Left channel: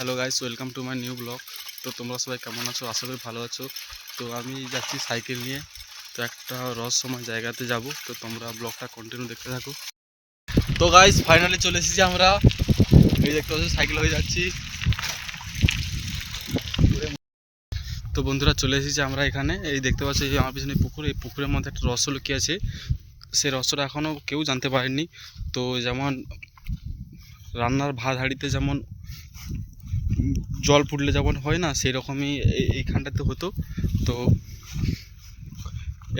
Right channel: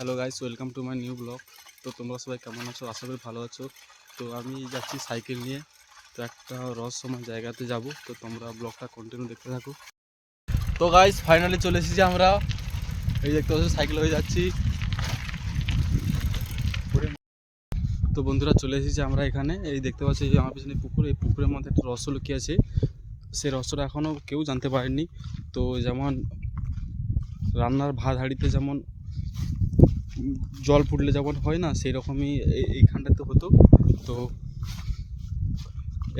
Hello guys, welcome to my new blog. তো তোমরা সবাই কেমন আছো? আশা করি ভালো আছো। তো আমি যাচ্ছি সাইকেল নিয়ে, তো একটা রহস্যময় জায়গাতে যাব। তো তোমরা ব্লগটা কন্টিনিউ দেখতে থাকো। তো গাইস ফাইনালি চলে এসেছি আমরা। এই দেখতে পাচ্ছি সাইকেল হয়ে যাচ্ছি। তো বন্ধুরা চলে এসেছি আমরা এখানে। এই দেখতে পাচ্ছি যে আমার পিছনে পুকুর, এই পুকুরের মধ্যে একটা রহস্য লুকিয়ে আছে। সেই রহস্যটা এখনও কেউ জানতে পারেনি। তো যেমন রান্নার ভাত হাঁড়িতে যেমন জল ফুটলে যেমন হয় না, সেই রকমই এইখানটাতে হতো। তো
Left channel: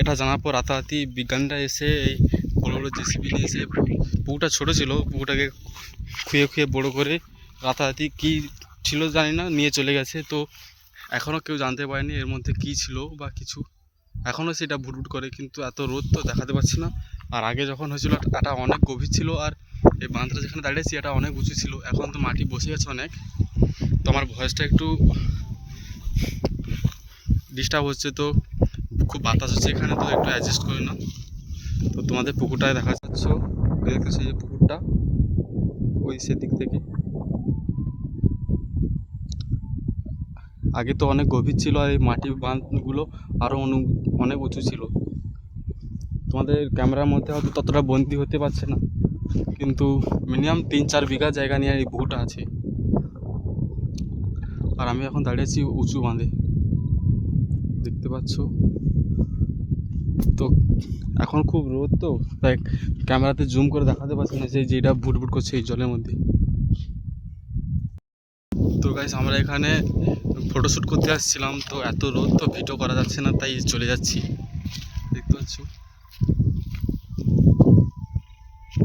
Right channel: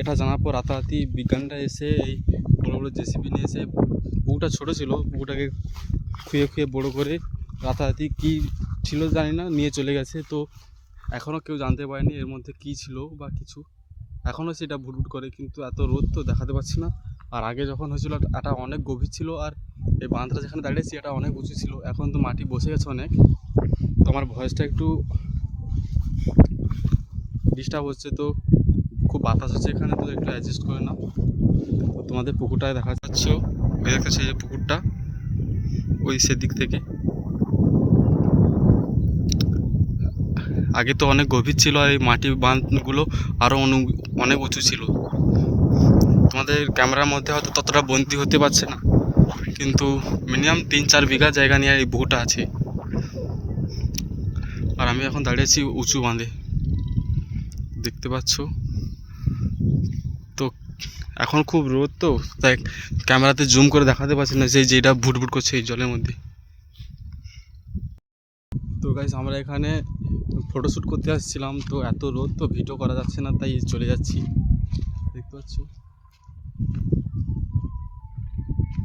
এটা জানার পর রাতারাতি বিজ্ঞানীরা এসে এই বড়ো বড়ো জেসিবি নিয়ে এসে, পুকুরটা ছোটো ছিল, পুকুরটাকে খুঁয়ে খুঁয়ে বড়ো করে রাতারাতি কী ছিল জানি না নিয়ে চলে গেছে। তো এখনও কেউ জানতে পারেনি এর মধ্যে কী ছিল বা কিছু। এখনও সেটা ভুটভুট করে, কিন্তু এত রোদ তো দেখাতে পারছি না। আর আগে যখন হয়েছিল এটা অনেক গভীর ছিল, আর এই বাঁধটা যেখানে দাঁড়িয়েছি এটা অনেক উঁচু ছিল। এখন তো মাটি বসে গেছে অনেক। তো আমার ভয়েসটা একটু ডিস্টার্ব হচ্ছে, তো খুব বাতাস হচ্ছে এখানে, তো একটু অ্যাডজাস্ট করে নাও। তো তোমাদের পুকুরটায় দেখা যাচ্ছ, ওই দেখতেছে যে পুকুরটা ওই সেদিক থেকে। আগে তো অনেক গভীর ছিল, আর এই মাটি বাঁধগুলো আরও অনেক উঁচু ছিল। তোমাদের ক্যামেরার মধ্যে হয়তো ততটা বন্দি হতে পারছে না, কিন্তু মিনিমাম 3-4 বিঘা জায়গা নিয়ে এই পুকুরটা আছে। আর আমি এখন দাঁড়িয়েছি উঁচু বাঁধে, দেখতে পাচ্ছ। তো এখন খুব রোদ, তো তাই ক্যামেরাতে জুম করে দেখাতে পারছি না যে যেটা ভুটভুট করছে এই জলের মধ্যে। তো গাইস আমরা এখানে ফটোশ্যুট করতে আসছিলাম, তো এত রোদ তো ভিডিও করা যাচ্ছে না, তাই চলে যাচ্ছি, দেখতে পাচ্ছ।